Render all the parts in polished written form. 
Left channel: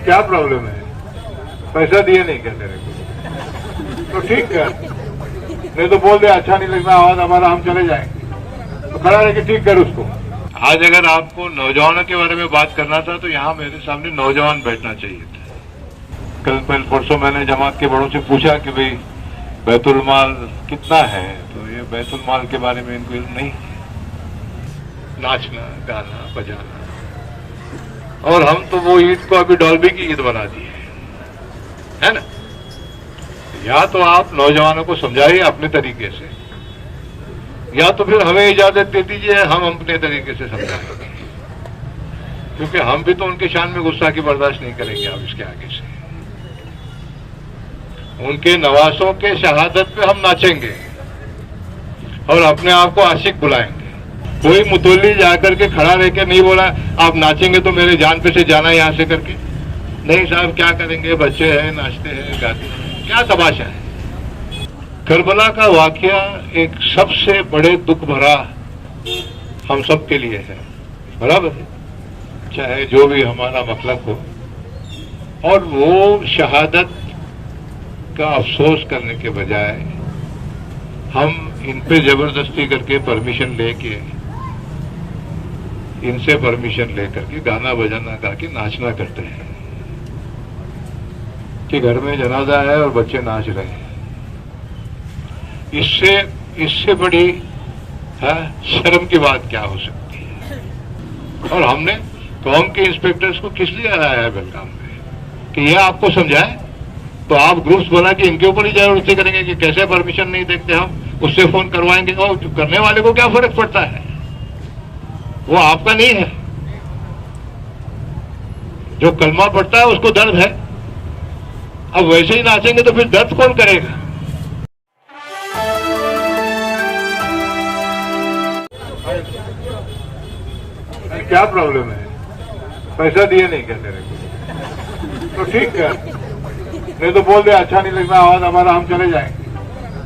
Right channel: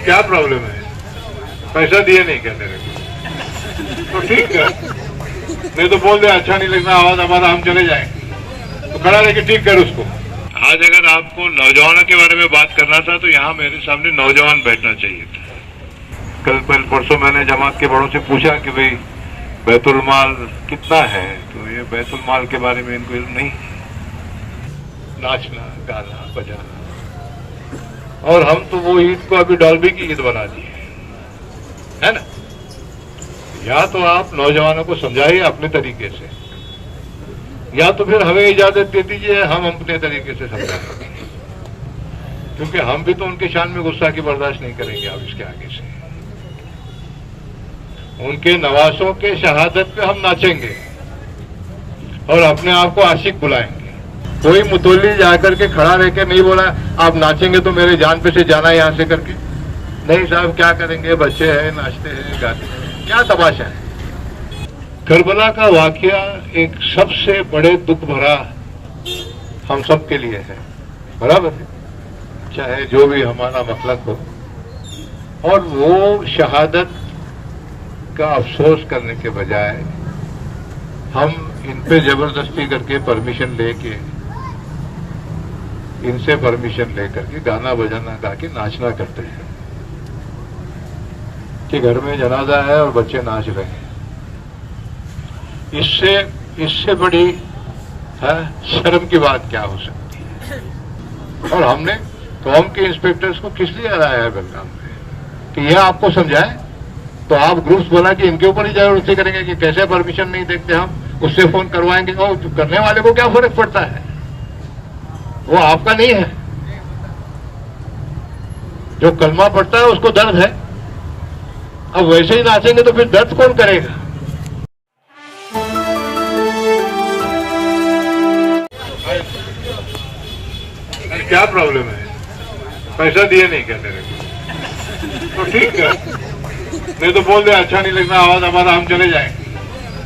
क्या प्रॉब्लम है? पैसा दिए नहीं क्या तेरे को? तो ठीक है, नहीं तो बोल दे अच्छा नहीं लगना आवाज हमारा, हम चले जाएंगे। तो खड़ा लेके ठीक कर उसको। आज अगर आपको नौजवानों के बारे में बात करना था तो यहाँ मेरे सामने नौजवान बैठना चाहिए था। कल परसों मैंने जमात के बड़ों से पूछा कि भाई बैतुल माल कितना है, तो ये बैतुल माल के बारे में इनको नहीं, नाचना गाना बजाना, और हम तो वो ईद को अभी डॉल्बी की ईद बना दी है ना। या तो आप नौजवानों को समझाइए अपने तरीके से, या तो फिर हमें इजाजत दे दीजिए हम अपने तरीके से समझाएंगे, क्योंकि हम भी तो उनके शान में गुस्सा की बर्दाश्त नहीं करेंगे। आप इसके आगे से उनके नवासों के शहादत पे हम नाचेंगे और अपने आप को आशिक बुलाएंगे। कोई मुतोली जाकर के खड़ा रह के नहीं बोला आप नाचेंगे तो मेरे जान पे से जाना यहां से करके, नहीं साहब क्या करेंगे, बच्चे हैं नाचते हैं गाते हैं, क्या तमाशा है। करबला का वाकया एक सबसे बड़े दुख भरा हम सब के लिए है, बराबर है, चाहे जो भी हमारा मतलब हो। और वो शहादत का अफसोस करने के बजाय हम इन पे जबरदस्ती करके परमिशन लेके, इनसे परमिशन लेकर के गाना बजाना गा के नाचना करते हैं कि घर में जनाजा है और बच्चे नाच रहे हैं। इससे बड़ी शर्म की बात क्या हो सकती है। और हमने कौम के इंस्पेक्टर्स को किस लिए लाया है बेलगाम में कि यह आपको समझाए, तो आप ग्रुप्स बना कि इनके ऊपर ही जबरदस्ती करेंगे कि कैसे परमिशन नहीं देखते हम, उससे फोन करवाएंगे। और करने वाले को क्या फर्क पड़ता है, वो आपका नहीं है। जो कलमा पड़ता है उसको दर्द है, अब वैसे ही नाचेंगे तो फिर दर्द कौन करेगा। क्या प्रॉब्लम है? पैसा दिए नहीं क्या तेरे को? तो ठीक है, नहीं तो बोल दे अच्छा नहीं लगना आवाज हमारा, हम चले जाएंगे।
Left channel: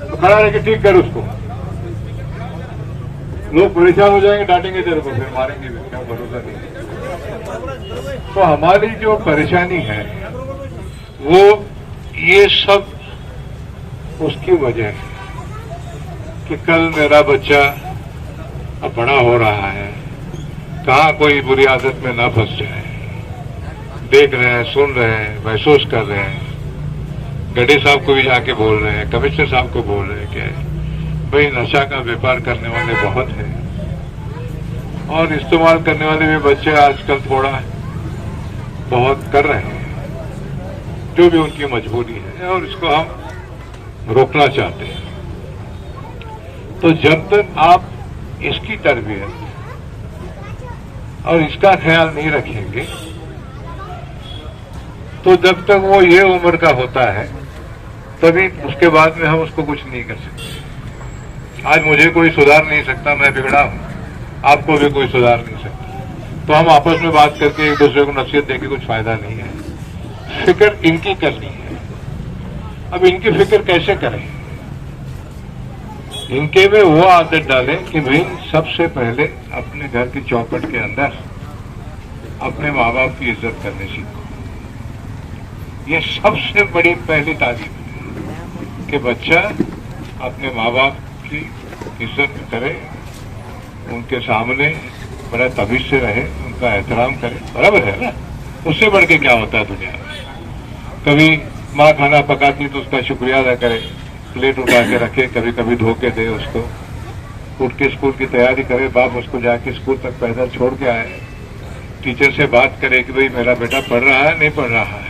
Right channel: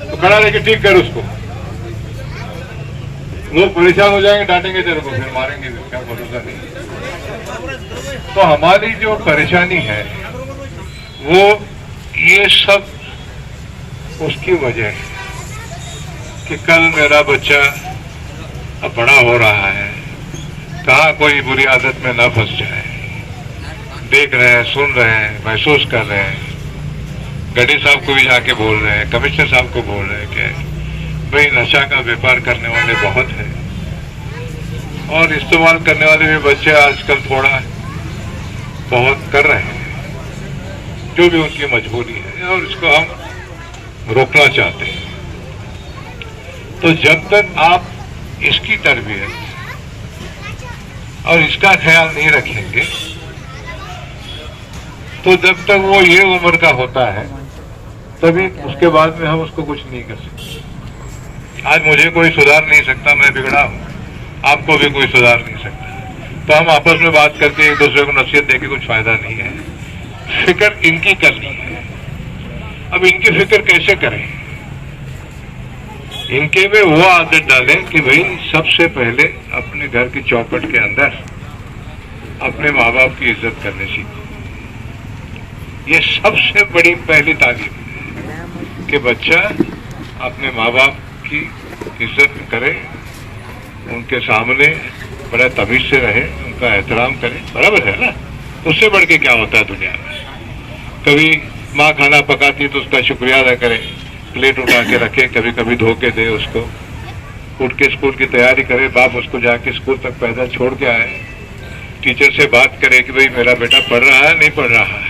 तो खड़ा लेके ठीक कर उसको। लोग परेशान हो जाएंगे, डांटेंगे तेरे को, फिर मारेंगे, क्या भरोसा नहीं। तो हमारी जो परेशानी है वो ये सब उसकी वजह है कि कल मेरा बच्चा अब बड़ा हो रहा है, कहाँ कोई बुरी आदत में ना फंस जाए। देख रहे हैं, सुन रहे हैं, महसूस कर रहे हैं, गड्ढे साहब को भी जाके बोल रहे हैं, कमिश्नर साहब को बोल रहे हैं कि भाई नशा का व्यापार करने वाले बहुत हैं और इस्तेमाल करने वाले भी बच्चे आजकल थोड़ा बहुत कर रहे हैं, जो भी उनकी मजबूरी है, और इसको हम रोकना चाहते हैं। तो जब तक आप इसकी तरबियत और इसका ख्याल नहीं रखेंगे तो जब तक वो ये उम्र का होता है तभी उसके बाद में हम उसको कुछ नहीं कर सकते। आज मुझे कोई सुधार नहीं सकता, मैं बिगड़ा हूं, आपको भी कोई सुधार नहीं सकता। तो हम आपस में बात करके एक दूसरे को नसीहत देके कुछ फायदा नहीं है। फिक्र इनकी करनी है। अब इनकी फिक्र कैसे करें? इनके में वो आदत डालें कि भाई सबसे पहले अपने घर की चौखट के अंदर अपने माँ बाप की इज्जत करने सीखो। ये सबसे बड़ी पहली तालीम है कि बच्चा अपने माँ बाप की इज्जत करे, उनके सामने बड़ा तमीज से रहे, उनका एहतराम करे, बराबर है ना। उससे बढ़ के क्या होता है दुनिया में। कभी माँ खाना पकाती तो उसका शुक्रिया अदा करे, प्लेट उठा के रखे, कभी कभी धो के दे उसको, उठ के स्कूल की तैयारी करे, बाप उसको जाके स्कूल तक पैदल छोड़ के आए, टीचर से बात करे कि भाई मेरा बेटा पढ़ रहा है नहीं पढ़ रहा है।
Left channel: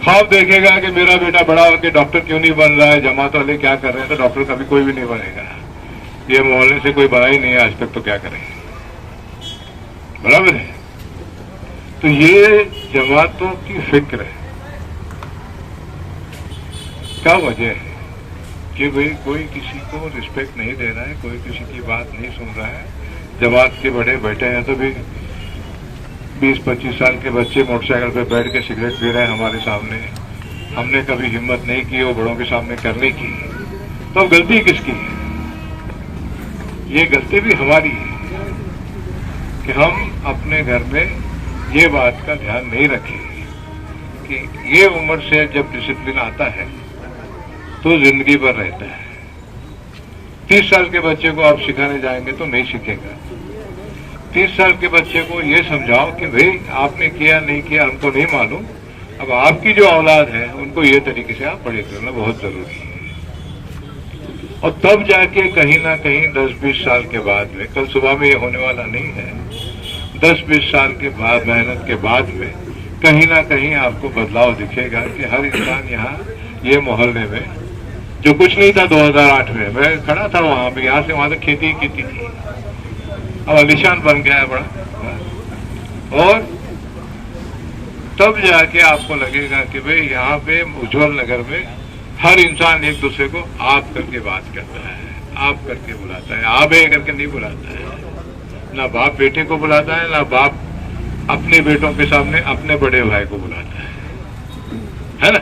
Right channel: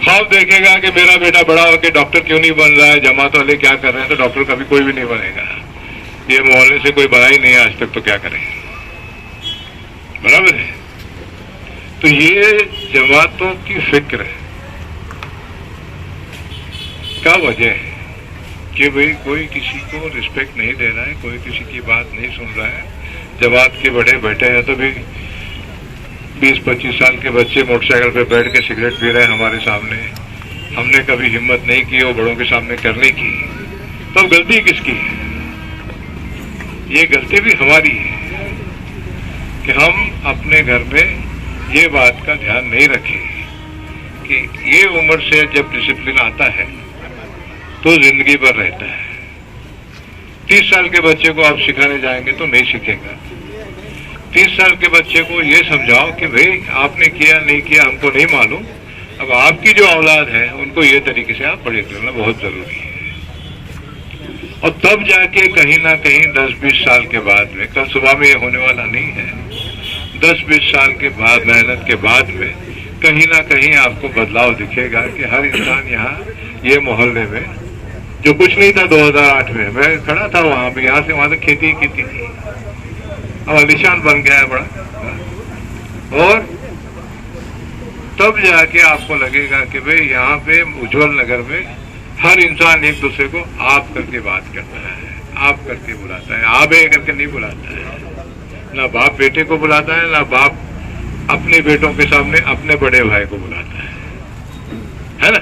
ख्वाब देखेगा कि मेरा बेटा बड़ा होकर डॉक्टर क्यों नहीं बन रहा है, जमात वाले क्या कर रहे हैं, तो डॉक्टर कभी कोई भी नहीं बनेगा। ये मोहल्ले से कोई बना ही नहीं है आज तक, तो क्या करें, बराबर है। तो ये जमातों की फिक्र का वजह है कि भाई कोई किसी को रिस्पेक्ट नहीं दे रहा है, कोई किसी की बात नहीं सुन रहा है। जमात के बड़े बैठे हैं तो भी 20-25 साल के बच्चे मोटरसाइकिल पे बैठ के सिगरेट पी रहे हैं हमारे सामने। हमने कभी हिम्मत नहीं की वो बड़ों के सामने करने की, तो गलती किसकी है? ये गलती भी हमारी है कि हम अपने घर में ये बात का ध्यान नहीं रखे कि ये उम्र से जब डिसिप्लिन आता है तो जिंदगी भर रहता है। 30 साल के बच्चे को आप सिखाने जाएंगे तो नहीं सीखेगा। 30 साल के बच्चे को ये समझाओ कि भाई आपने किया नहीं किया हमको नहीं मालूम, अब आपकी जो औलाद है उनको ये तरीके से आप बड़े करना बहुत जरूरी है। और तब जाके कहीं ना कहीं 10-20 साल के बाद में, कल सुबह में ये होने वाला नहीं है, 10-20 साल के बाद मेहनत के बाद में कहीं ना कहीं आपको बदलाव दिखेगा कि हर इंसान यहाँ ये मोहल्ले में, जो कुछ नहीं था 2008 में, मैं खड़ा था वहां पे, यहाँ से वहां तक खेती की थी, अब आलिशान बन गया है बड़ा। और तब जाके आपको लगेगा कि भाई यहाँ पे उज्जवल नगर में हर इंसान एक दूसरे को आप करके बात करता है, आप करके बुलाता है, आप करके नहीं बुलाता है। ना बाप बेटे को बुलाता है, ना बाप अपने बेटों के सामने अपने बड़े भाई को बुलाता है ना।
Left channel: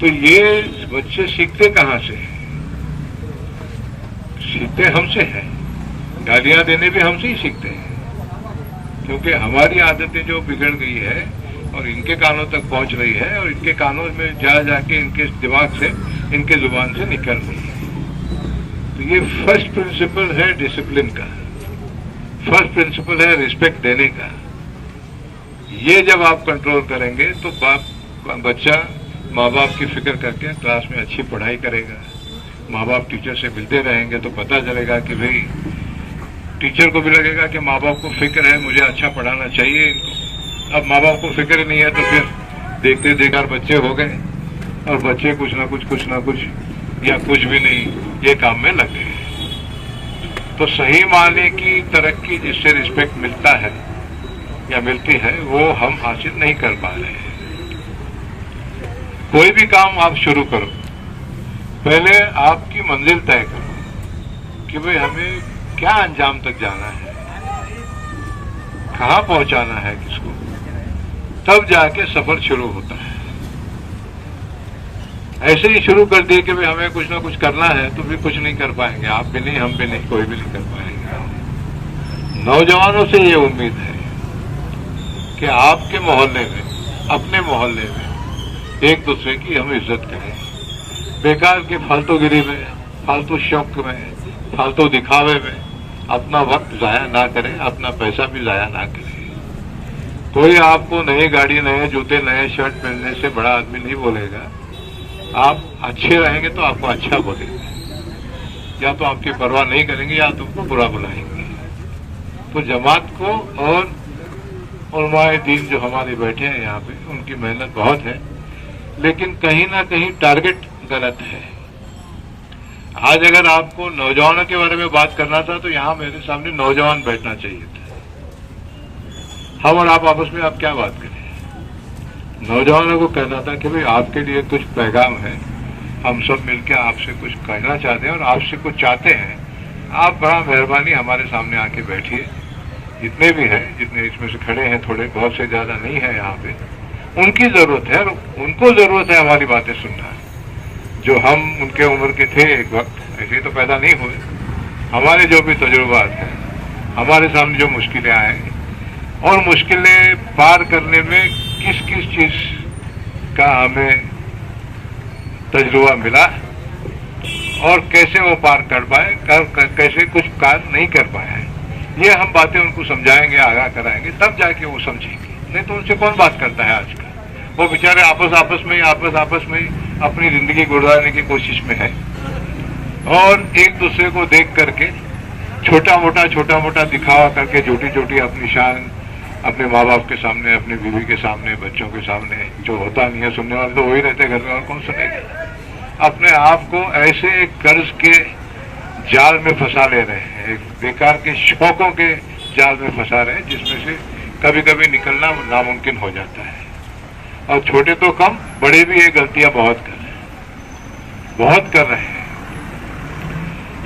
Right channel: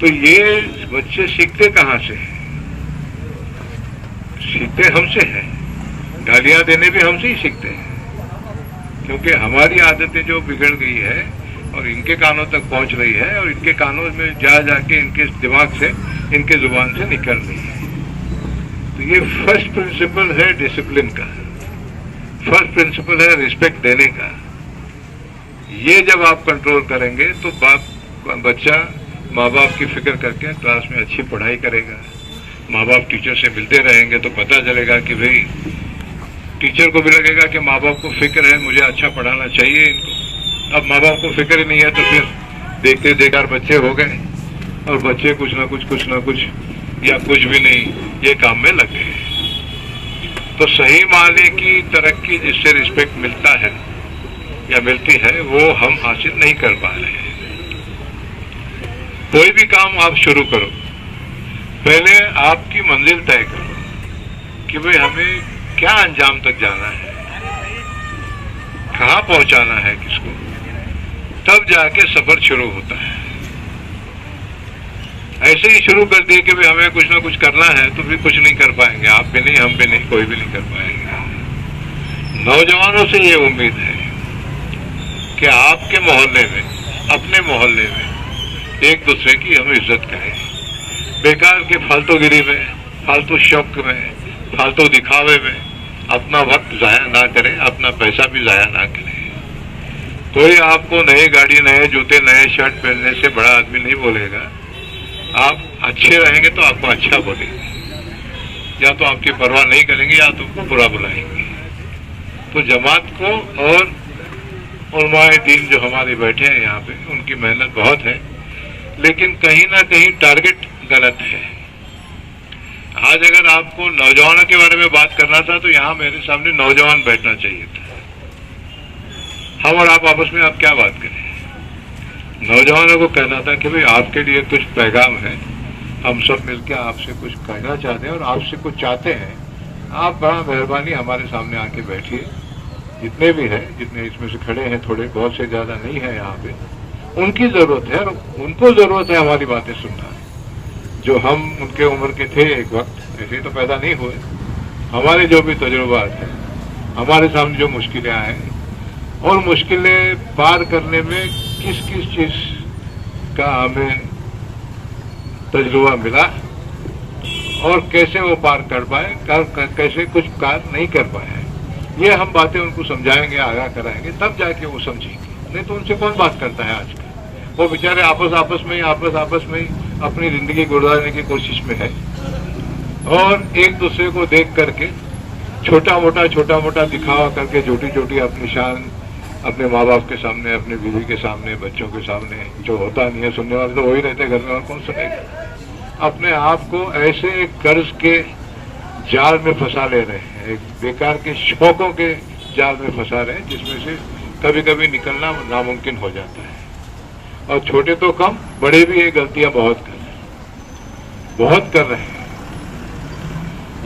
तो ये बच्चे सीखते कहाँ से? सीखते हमसे हैं। गालियां देने भी हमसे ही सीखते हैं, क्योंकि हमारी आदतें जो बिगड़ गई है और इनके कानों तक पहुंच रही है और इनके कानों में जा जाके इनके दिमाग से, इनके जुबान से निकल रही है। तो ये फर्स्ट प्रिंसिपल है डिसिप्लिन का, फर्स्ट प्रिंसिपल है रिस्पेक्ट देने का। ये जब आप कंट्रोल करेंगे तो बच्चा माँ बाप की फिक्र करके क्लास में अच्छी पढ़ाई करेगा। माँ बाप टीचर से मिलते रहेंगे तो पता चलेगा कि भाई टीचर को भी लगेगा कि माँ बाप को फिक्र है, मुझे अच्छा पढ़ाना चाहिए इनको। अब माँ बाप को फिक्र नहीं है तो फिर देखते देखकर बच्चे हो गए और बच्चे कुछ ना कुछ या कुछ भी नहीं ये काम में लग गए। तो सही मायने की तरक्की जिससे रिस्पेक्ट मिलता है या मिलती है वो हम हासिल नहीं कर पा रहे हैं। कोई भी काम आप शुरू करो, पहले आपकी मंजिल तय करो कि भाई हमें क्या अंजाम तक जाना है, कहां पहुंचाना है किसको, तब जाके सफर शुरू होता है। ऐसे ही शुरू कर दिए कि भाई हमें कुछ ना कुछ करना है तो भी कुछ नहीं कर पाएंगे, आप भी नहीं, हम भी नहीं, कोई भी नहीं कर पाएंगे। नौजवानों से ये उम्मीद है कि आपके मोहल्ले में, अपने मोहल्ले में एक दूसरे की हम इज्जत करें। बेकार के फालतूगिरी में, फालतू शौक में, फालतू दिखावे में अपना वक्त जाया ना करें, अपना पैसा भी जाया ना करें। कोई आपको नई गाड़ी, नए जूते, नए शर्ट पहनने से बड़ा आदमी नहीं बोलेगा। आप अच्छे रहेंगे तो आपको अच्छा बोलेंगे, या तो आपकी परवाह नहीं करेंगे या तुमको बुरा बुलाएंगे। तो जमात को और उलमाए दीन जो हमारे बैठे हैं यहाँ पे, उनकी मेहनत बहुत है, लेकिन कहीं ना कहीं टारगेट गलत है। आज अगर आपको नौजवानों के बारे में बात करना था तो यहाँ मेरे सामने नौजवान बैठना चाहिए था। हम और आप आपस में आप क्या बात करें? नौजवानों को कहना था कि भाई आपके लिए कुछ पैगाम है, हम सब मिलकर आपसे कुछ कहना चाहते हैं और आपसे कुछ चाहते हैं। आप बड़ा मेहरबानी हमारे सामने आके बैठिए, जितने भी हैं, जितने इसमें से खड़े हैं, थोड़े बहुत से ज्यादा नहीं है यहाँ पे, उनकी जरूरत है, उनको जरूरत है हमारी बातें सुनना। जो हम उनके उम्र के थे एक वक्त, ऐसे तो पैदा नहीं हुए, हमारे जो भी तजुर्बात हैं, हमारे सामने जो मुश्किलें आए और मुश्किलें पार करने में किस किस चीज का हमें तजुर्बा मिला और कैसे वो पार कर पाए, कैसे कुछ कार्य नहीं कर पाए, ये हम बातें उनको समझाएंगे, आगाह कराएंगे, तब जाके वो समझेंगे। नहीं तो उनसे कौन बात करता है आजकल? वो बेचारे आपस में अपनी जिंदगी गुजारने की कोशिश में है और एक दूसरे को देख करके छोटा मोटा दिखावा करके छोटी अपनी शान अपने माँ बाप के सामने, अपनी बीवी के सामने, बच्चों के सामने, जो होता नहीं है, सुनने वाले तो वही रहते घर में, और कौन सुनेगा। अपने आप को ऐसे कर्ज के जाल में फंसा ले रहे हैं, बेकार के शौकों के जाल में फंसा रहे हैं, जिसमें से कभी कभी निकलना नामुमकिन हो जाता है। और छोटे तो कम, बड़े भी ये गलतियां बहुत कर रहे हैं।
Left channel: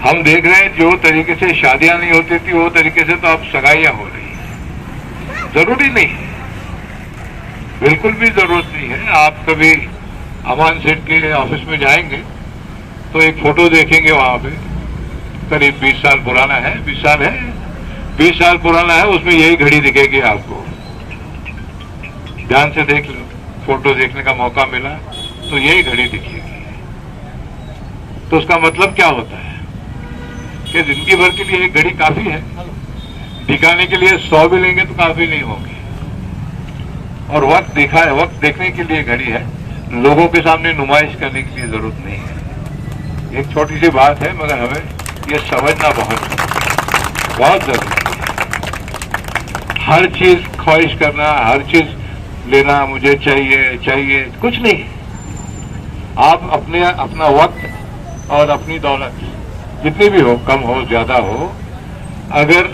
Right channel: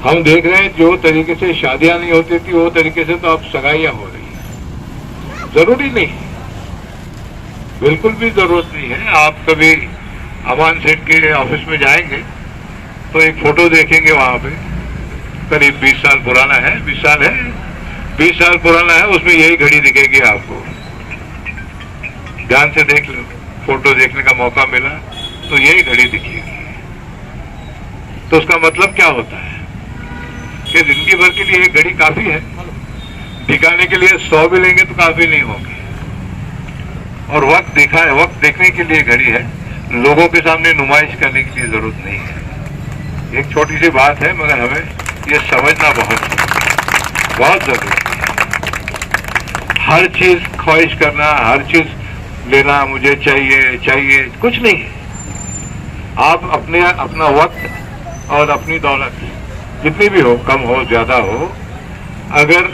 हम देख रहे हैं जो तरीके से शादियां नहीं होती थी वो तरीके से तो अब सगाइयां हो रही हैं। जरूरी नहीं है, बिल्कुल भी जरूरत नहीं है। आप कभी अमान सेठ के ऑफिस में जाएंगे तो एक फोटो देखेंगे, वहां पे करीब 20 साल पुराना है, 20 साल पुराना है, उसमें यही घड़ी दिखेगी आपको। ध्यान से फोटो देखने का मौका मिला तो यही घड़ी दिखेगी। तो उसका मतलब क्या होता है कि जिंदगी भर के लिए एक घड़ी काफी है, दिखाने के लिए 100 भी लेंगे तो काफी नहीं होगी। और वक्त देखने के लिए घड़ी है, लोगों के सामने नुमाइश करने की जरूरत नहीं है। एक छोटी सी बात है मगर हमें ये समझना बहुत जरूरी है। हर चीज ख्वाहिश करना, हर चीज लेना, मुझे चाहिए कुछ नहीं। आप अपना वक्त और अपनी दौलत जितनी भी हो, कम हो ज्यादा हो, अगर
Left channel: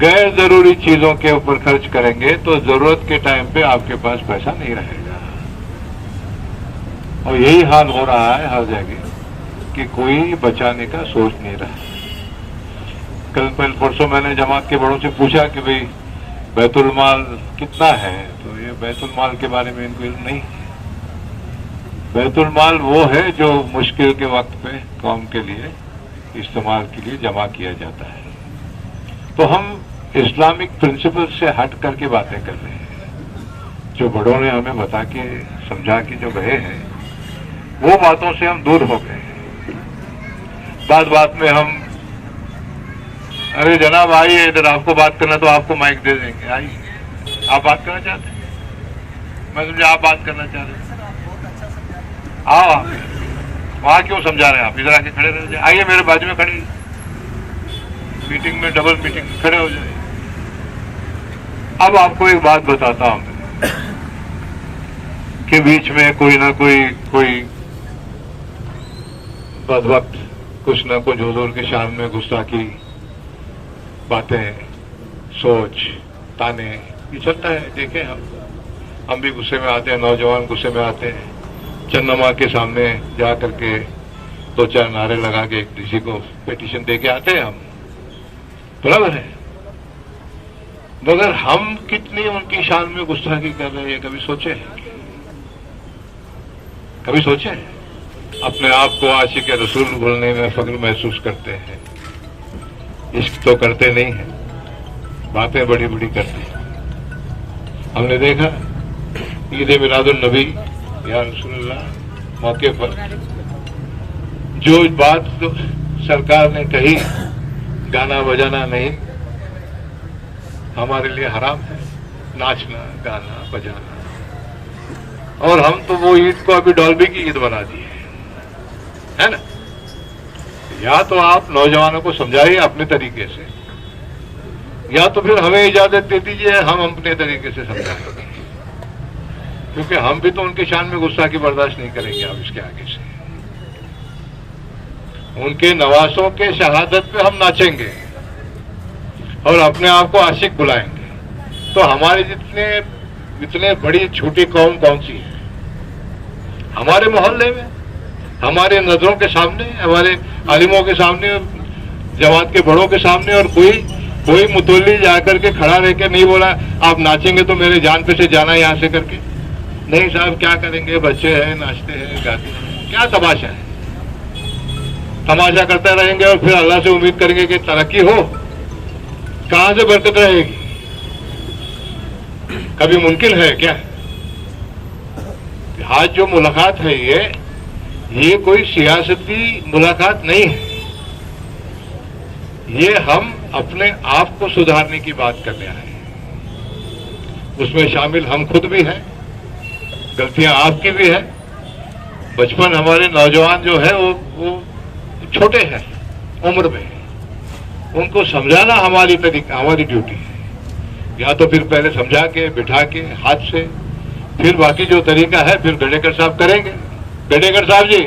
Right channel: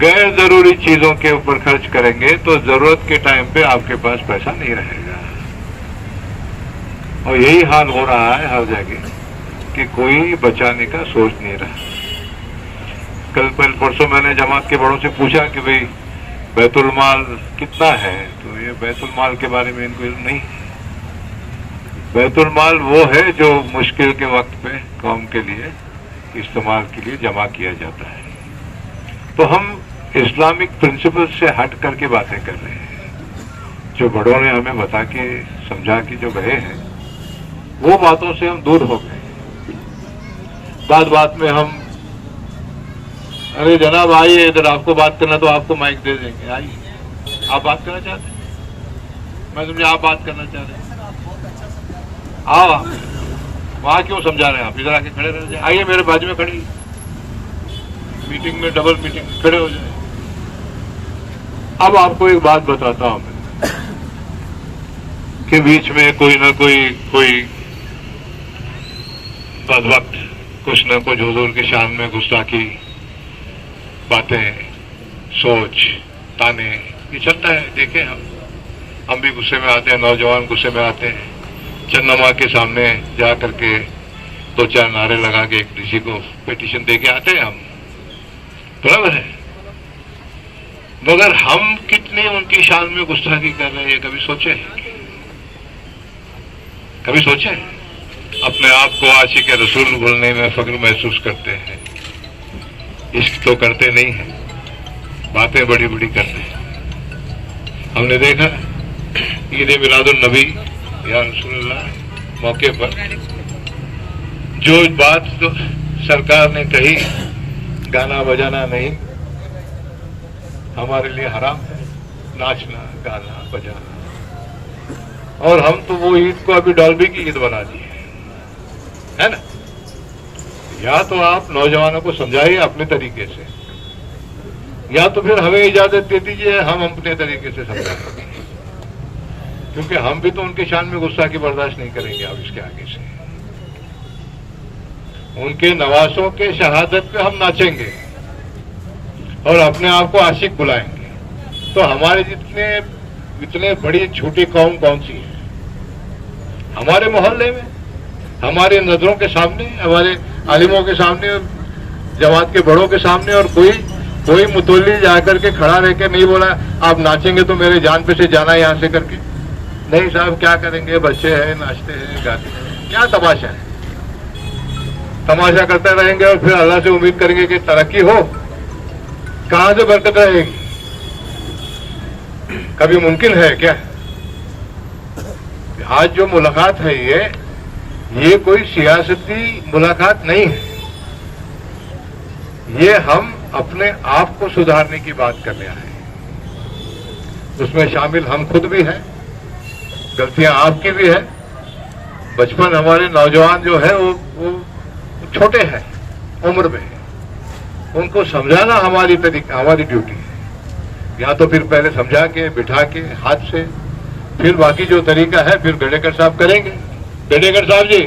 गैर जरूरी चीजों के ऊपर खर्च करेंगे तो जरूरत के टाइम पे आपके पास पैसा नहीं रहेगा। और यही हाल हो रहा है हर जगह कि कोई बचाने का सोच नहीं रहा। कल परसों मैंने जमात के बड़ों से पूछा कि भाई बैतुल माल कितना है, तो ये बैतुल माल के बारे में इनको इल्म नहीं। बैतुल माल वो है जो मुश्किल के वक्त पे कौम के लिए इस्तेमाल के लिए जमा किया जाता है। तो हम इस्लामिक प्रिंसिपल से हट करके बातें कर रहे हैं। जो बड़ों ने हमें बता के समझा के जो गए हैं, वो बातों से हम दूर हो गए। बात में हम, अरे जनाब आइए इधर, आपको बात करना तो आपको माइक दे देंगे, आइए। आप बात करना चाहते हैं? मैं समझा आप बात करना चाह रहे हैं। आओ, वहां क्यों समझा रहे हैं आप? इधर आके खड़े रह जाए। आइए मेरे बाजू में खड़ी, मीटिंग में डबल मीटिंग खड़े हो जाए। अब आपको एक बात बताता हूं कि बीच में कोई ना कोई बदवक्त कुछ ना कुछ हुजूर की शान में गुस्ताखी बातें, सोच, ताने, ये चलता है। देखें, हम भी गुस्से में आते हैं, नौजवान गुस्से में आते हैं। चन्नमा के सामने जा करके 2-4 नारे लगा के एक डीसी को पिटीशन दे के आते हैं हम, बराबर है। मगर हम कितनी उनकी शान में गुस्ताखी कर रहे हैं, कभी सोचे? कभी सोचे? अपने आप को आशिक रसूल बोलने में फख्र महसूस करते हैं, इश्क तो करते नहीं है, बातें बड़ी बड़ी करते हैं। हमने देखा ईद मिलादुन नबी या रसूलुल्लाह मौके पर जो बात तो सरकार ने कही, गाना बजाना नहीं, हमारे लिए हराम है, नाचना गाना बजाना। और हम तो वो ईद को अभी डॉल्बी की ईद बना दी है ना। या तो आप नौजवानों को समझाइए अपने तरीके से, या तो फिर हमें इजाजत दे दीजिए हम अपने तरीके से समझाएंगे, क्योंकि हम भी तो उनके शान में गुस्सा की बर्दाश्त नहीं करेंगे। आप उसके आगे से उनके नवासों के शहादत पे हम नाचेंगे और अपने आप को आशिक बुलाएंगे, तो हमारे इतने बड़ी झूठी कौम कौन सी है? हमारे मोहल्ले में, हमारे नजरों के सामने, हमारे आलिमों के सामने, जमात के बड़ों के सामने, और कोई मुतवल्ली जाकर के खड़ा रह के नहीं बोला आप नाचेंगे तो मेरे जान पे से जाना यहां से करके। नहीं साहब, क्या करेंगे, बच्चे हैं, नाचते हैं, गाते हैं, क्या तमाशा है? तमाशा करते रहेंगे और फिर अल्लाह से उम्मीद करेंगे कि तरक्की हो, कहां से बरकत रहेगी? कभी मुमकिन है क्या? आज जो मुलाकात है ये कोई सियासती मुलाकात नहीं है, ये हम अपने आप को सुधारने की बात कर रहे हैं। उसमें शामिल हम खुद भी हैं, गलतियां आपकी भी है। बचपन हमारे नौजवान जो है वो छोटे हैं उम्र में, उनको समझाना हमारी ड्यूटी है। या तो फिर पहले समझा के बिठा के हाथ से, फिर बाकी जो तरीका है फिर गडेकर साहब करेंगे। गडेकर साहब जी,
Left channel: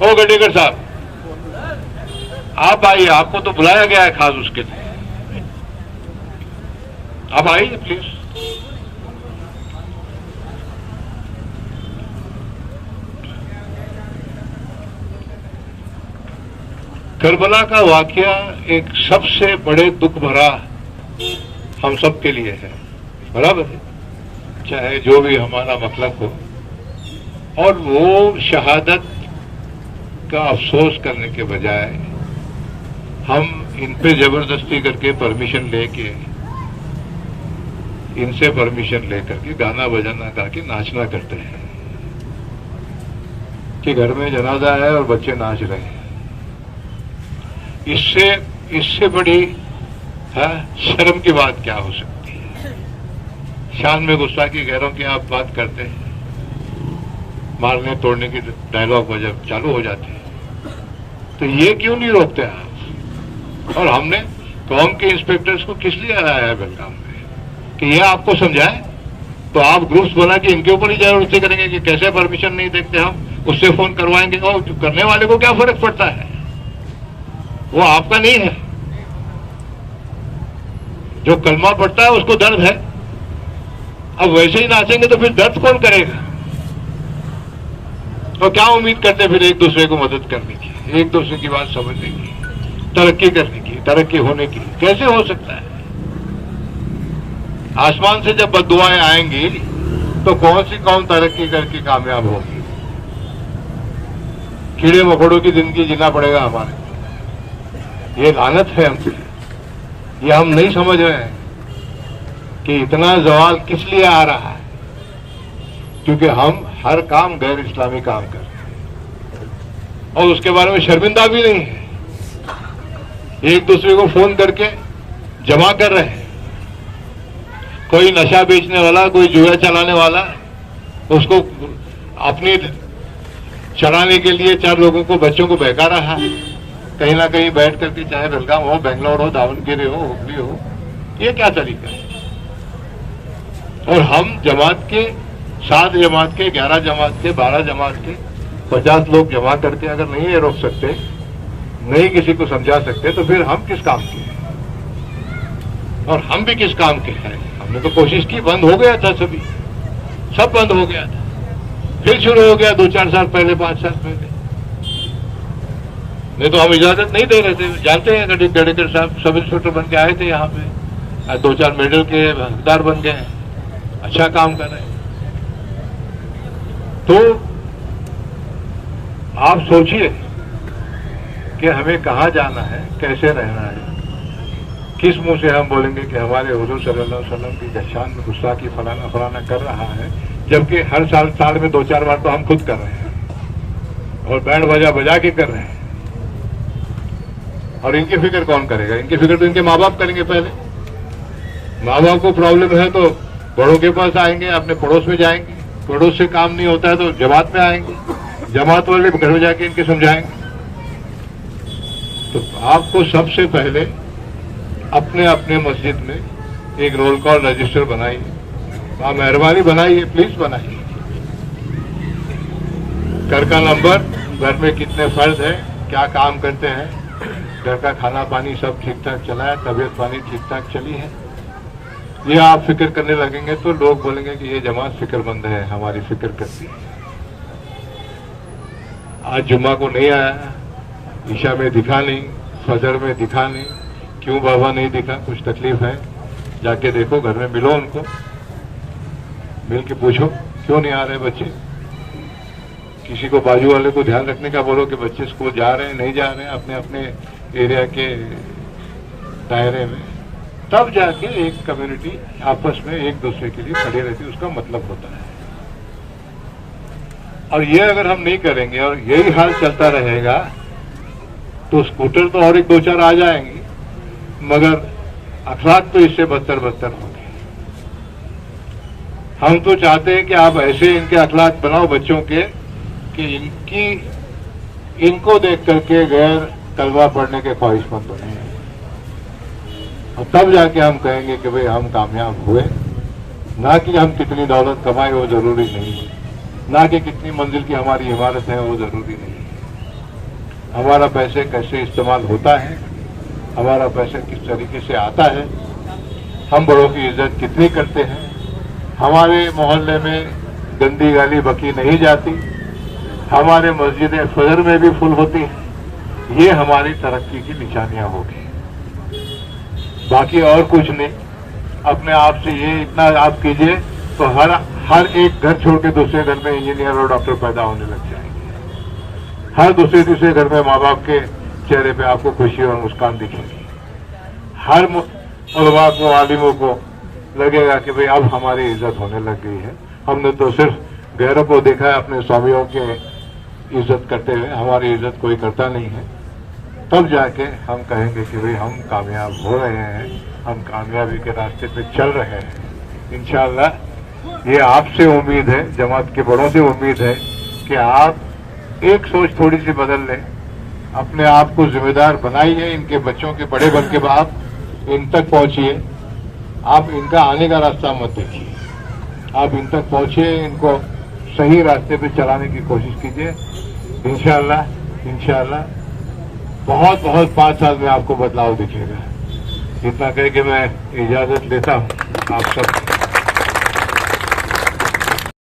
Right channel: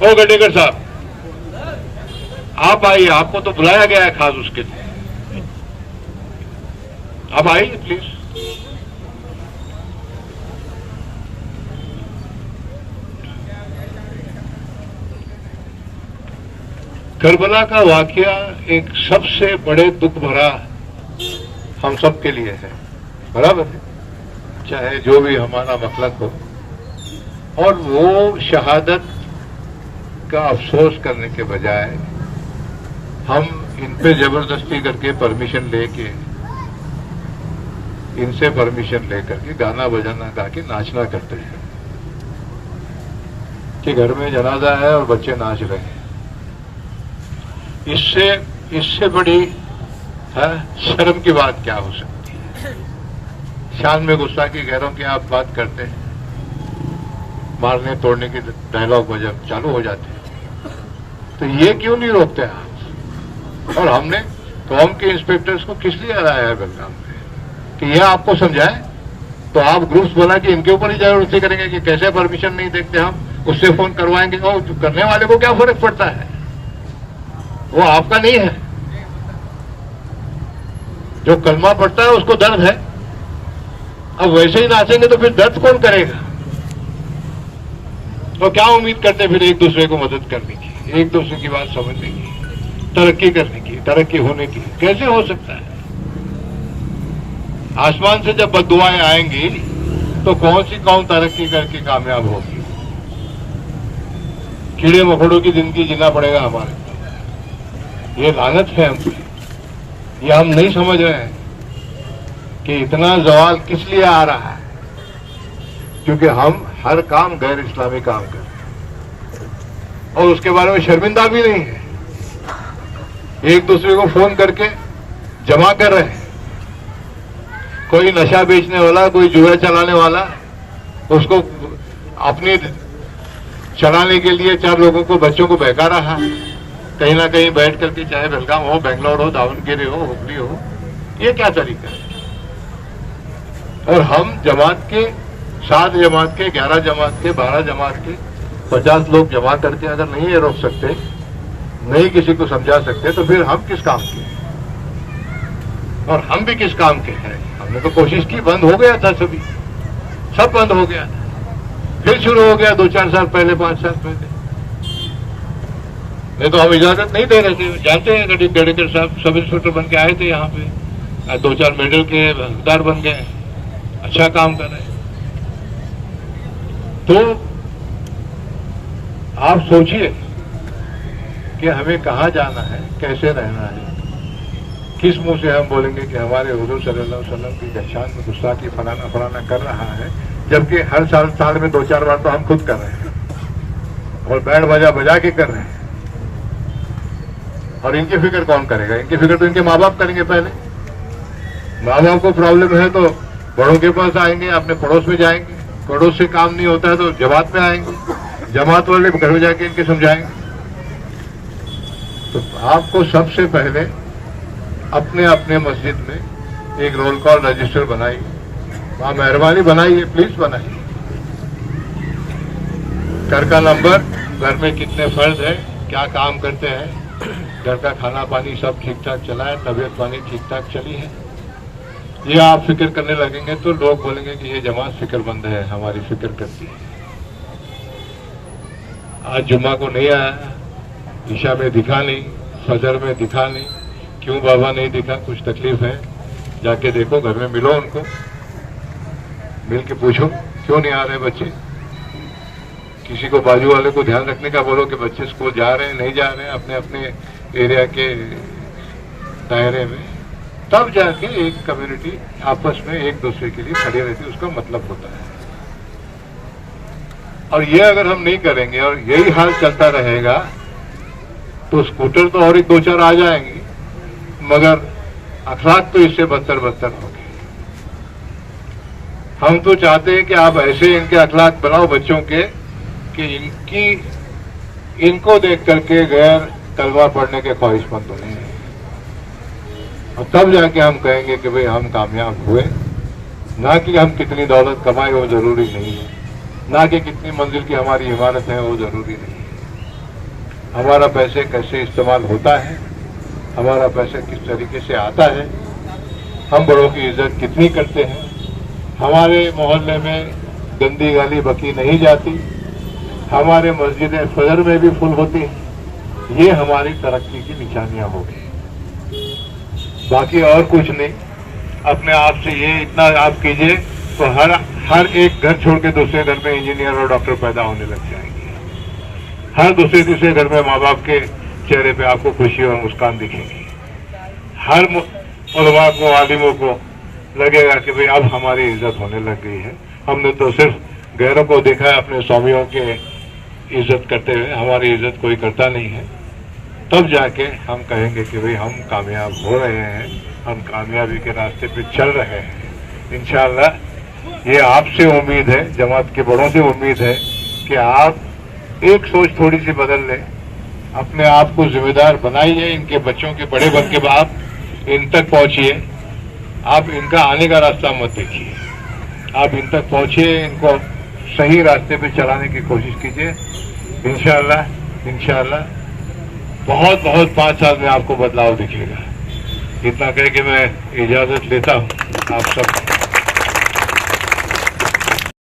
ओ गडेकर साहब आप आइए, आपको तो बुलाया गया है खास उसके लिए, आप आइए प्लीज। करबला का वाकया एक सबसे बड़े दुख भरा हम सब के लिए है, बराबर है, चाहे जो भी हमारा मतलब हो। और वो शहादत का अफसोस करने के बजाय हम इन पे जबरदस्ती करके परमिशन लेके इनसे परमिशन लेकर के गाना बजाना गा के नाचना करते हैं कि घर में जनाजा है और बच्चे नाच रहे हैं। इससे बड़ी शर्म की बात क्या हो सकती है? शान में गुस्ताखी गैरों की आप बात करते हैं, मारने तोड़ने के डायलॉग वजह चालू हो जाते हैं, तो ये क्यों नहीं रोकते आप? और हमने कौम के इंस्पेक्टर्स को किस लिए लाया है बेलगाम में कि यह आपको समझाए? तो आप ग्रुप्स बना के इनके ऊपर ही जरूरत करेंगे कि कैसे परमिशन नहीं देखते, हम उससे फोन करवाएंगे। और करने वाले को क्या फर्क पड़ता है? वो आपका नहीं है। जो कलमा पड़ता है उसको दर्द है। अब वैसे ही नाचेंगे तो फिर दर्द कौन करेगा? तो क्या उम्मीद करते फिर एक दूसरे को मदद करने की, एक दूसरे की बात समझने की, तरक्की करने की, तरक्की होने की? कैसे हो सकता है? आसमान से जब बद्दुआएं आएंगी तो कौन सी कौन तरक्की करके कामयाब होगी? कीड़े मकोड़ों की जिंदगी जीना पड़ेगा हमारे। ये लानत है हमकी। ये हम नहीं समझ रहे हैं कि इतना जवाल किस लिए आ रहा है, क्योंकि हम हर काम गैर इस्लामी काम कर रहे हैं और उसके बारे में शर्मिंदा भी नहीं है। एक दूसरे को फोन करके जमा कर रहे हैं। कोई नशा बेचने वाला, कोई जुआ चलाने वाला, उसको अपनी चलाने के लिए 4 लोगों को, बच्चों को बहका रहा है कहीं ना कहीं बैठ करके, चाहे बेलगाम हो, बेंगलोर हो, दावनगिरी हो, हुगली हो। ये क्या तरीका है? और हम जमात के 7 जमात के, 11 जमात के, 12 जमात के 50 लोग जमा करके अगर नहीं ये रोक सकते, नहीं किसी को समझा सकते, तो फिर हम किस काम के हैं? और हम भी किस काम के हैं? हमने तो कोशिश की, बंद हो गया था, सभी सब बंद हो गया था, फिर शुरू हो गया 2-4 साल पहले, 5 साल पहले। नहीं तो हम इजाजत नहीं दे रहे थे। जानते हैं गडेकर साहब सब इंस्पेक्टर बन के आए थे यहाँ पे, 2-4 मेडल के हकदार बन गए, अच्छा काम कर रहे हैं। तो आप सोचिए कि हमें कहाँ जाना है, कैसे रहना है। किस मुंह से हम बोलेंगे कि हमारे हुजूर सल्लल्लाहु अलैहि वसल्लम की शान में गुस्ताखी फलाना फलाना कर रहा है, जबकि हर साल में 2-4 बार तो हम खुद कर रहे हैं और बैंड बाजा बजा के कर रहे हैं। और इनकी फिक्र कौन करेगा? इनकी फिक्र तो इनके माँ बाप करेंगे। पहले माँ बाप को प्रॉब्लम है तो बड़ों के पास आएंगे, अपने पड़ोस में जाएंगे, पड़ोस से काम नहीं होता है तो जमात में आएंगे, जमात वाले घर में जाके इनके समझाएंगे। तो आपको सबसे पहले अपने अपने मस्जिद में एक रोल कॉल रजिस्टर बनाइए। आप मेहरबानी बनाइए, प्लीज बनाइए। घर का नंबर, घर में कितने फर्द हैं, क्या काम करते हैं, घर का खाना पानी सब ठीक ठाक चला है, तबीयत पानी ठीक ठाक चली है, ये आप फिक्र करने लगेंगे तो लोग बोलेंगे कि ये जमात फिक्रमंद है, हमारी फिक्र करती है। आज जुम्मा को नहीं आया, ईशा में दिखा नहीं, फजर में दिखा नहीं, क्यों बाबा नहीं दिखा? कुछ तकलीफ है? जाके देखो, घर में मिलो उनको, मिल के पूछो क्यों नहीं आ रहे बच्चे। किसी को बाजू वाले को ध्यान रखने का बोलो कि बच्चे स्कूल जा रहे हैं, नहीं जा रहे हैं, अपने अपने एरिया के दायरे में। तब जाके एक कम्युनिटी आपस में एक दूसरे के लिए खड़े रहती है, उसका मतलब होता है। और ये अगर हम नहीं करेंगे और यही हाल चलता रहेगा तो स्कूटर तो और 1-2-4 आ जाएंगे, मगर अखलाक तो इससे बदतर होंगे। हम तो चाहते हैं कि आप ऐसे इनके अखलाक बनाओ बच्चों के कि इनको देख करके गैर कलमा पढ़ने के ख्वाहिशमंद बने, और तब जाके हम कहेंगे कि भाई हम कामयाब हुए। ना कि हम कितनी दौलत कमाए वो जरूरी नहीं है, ना कि कितनी मंजिल की हमारी इमारत है वो जरूरी नहीं है। हमारा पैसे कैसे इस्तेमाल होता है, हमारा पैसे किस तरीके से आता है, हम बड़ों की इज्जत कितनी करते हैं, हमारे मोहल्ले में गंदी गाली बकी नहीं जाती, हमारे मस्जिदें फजर में भी फुल होती हैं, ये हमारी तरक्की की निशानियां होगी। बाकी और कुछ नहीं। अपने आप से ये इतना आप कीजिए तो हर एक घर छोड़ के दूसरे घर में इंजीनियर और डॉक्टर पैदा होने लग जाएंगे। हर दूसरे तीसरे घर में माँ बाप के चेहरे पे आपको खुशी और मुस्कान दिखेगी। हर उलमा को, आलिमों को लगेगा कि भाई अब हमारी इज्जत होने लग गई है। हमने तो सिर्फ गैरों को देखा है अपने स्वामियों के इज्जत करते हुए, हमारी इज्जत कोई करता नहीं है। तब जाके हम कहेंगे कि भाई हम कामयाब हो रहे हैं, हम कामयाबी के रास्ते पे चल रहे हैं इंशाअल्लाह। ये आपसे उम्मीद है, जमात के बड़ों से उम्मीद है कि आप एक सोच थोड़ी सी बदल लें, अपने आप को जिम्मेदार बनाइए, इनके बच्चों के बड़े बन के आप इन तक पहुंचिए। आप इनका आने का रास्ता मत देखिए, आप इन तक पहुंचिए, इनको सही रास्ते पे चलाने की कोशिश कीजिए। इंशाअल्लाह बहुत 5 साल में आपको बदलाव दिखेगा। इतना कह के मैं इजाजत लेता हूँ आप सब